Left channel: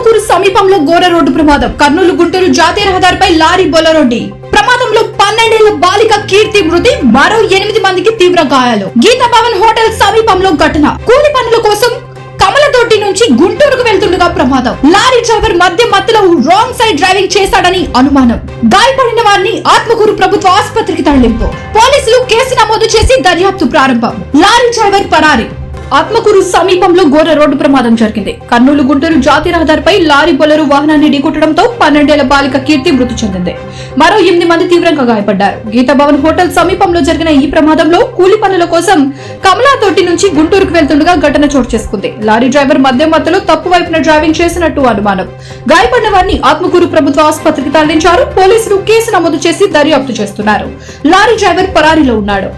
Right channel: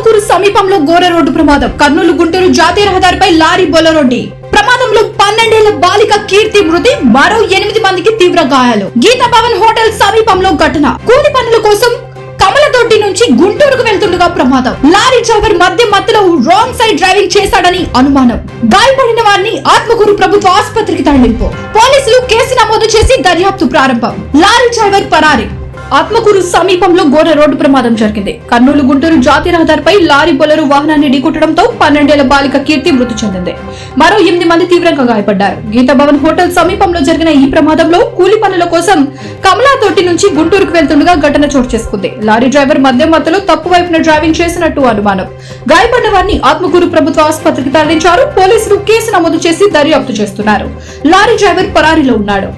ఆత్మకూరు సమీపంలో ఘోర రోడ్డు ప్రమాదం. కర్నూలు గుంటూరు జాతీయ రహదారిపై లారీ బొలెరోడి ప్రమాదంలో 12 ఏళ్ల బాలిక కీర్తి మృతి, మరో 8 మందికి తీవ్ర గాయాలు. గీతా భవన్ హోటల్ సమీపంలో ఘటన. కూలి పనుల కోసం కమలదొడ్డి నుంచి గుంటూరుకు వెళ్తుండగా ప్రమాదం. లారీ డ్రైవర్ మధ్యలో రాంగ్ సైడ్ డ్రైవింగ్ చేశాడని అనుమానం. గాయపడిన వారిని ఆత్మకూరు ప్రభుత్వ ఆసుపత్రికి తరలింపు. పోలీసులు కేసు నమోదు చేసి దర్యాప్తు ప్రారంభం. Lorry driver పరారి. ఆత్మకూరు సమీపంలో ఘోర రోడ్డు ప్రమాదం జరిగింది. కర్నూలు గుంటూరు జాతీయ రహదారిపై లారీ బొలెరో వాహనాన్ని ఢీకొట్టడంతో 12 ఏళ్ల బాలిక కీర్తి మృతి చెందింది. మరో 8 మంది తీవ్రంగా గాయపడ్డారు. గీతా భవన్ హోటల్ సమీపంలో జరిగిన ఈ ప్రమాదంలో కూలి పనుల కోసం కమలాతోటి నుంచి గుంటూరుకు వెళ్తుండగా ఘటన చోటు చేసుకుంది. లారీ డ్రైవర్ మధ్యలో తప్పు వైపున డ్రైవింగ్ చేసినట్టు అనుమానం. గాయపడిన వారిని ఆత్మకూరు ప్రభుత్వ ఆసుపత్రికి తరలించారు. పోలీసులు కేసు నమోదు చేసి దర్యాప్తు చేస్తున్నారు. లారీ డ్రైవర్ పరారీలో ఉన్నాడు.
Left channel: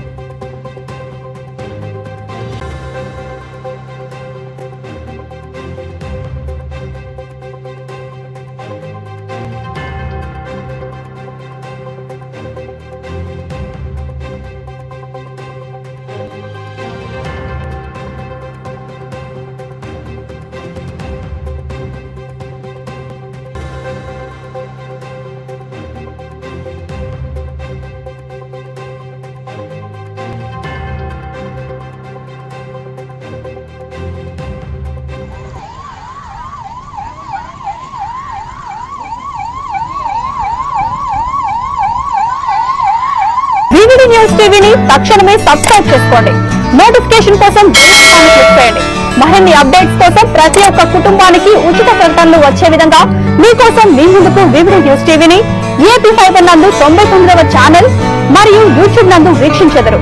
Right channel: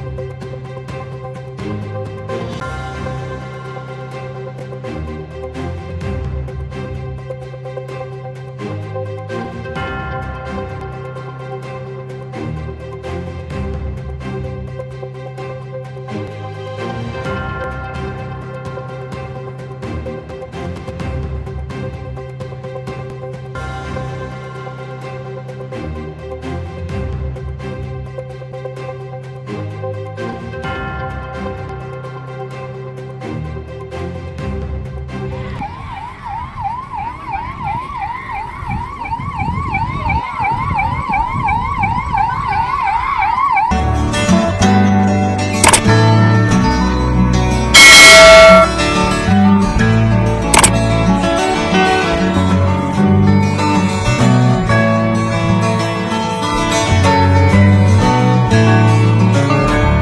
న్యూస్ టీవీని తక్షణమే సబ్స్క్రైబ్ చేసుకోండి. నోటిఫికేషన్ కోసం మరిన్ని అప్డేట్స్ కోసం ప్రతి ఒక్క కుటుంబానికి ఉచిత ప్రకటనలు వచ్చే విధంగా మీకోసం మీ ముందుకు వివిధ న్యూస్ టీవీని ఏపీ 5 నందు 99వ ఛానల్ మరియు యూట్యూబ్ నందు వీక్షించెదరు.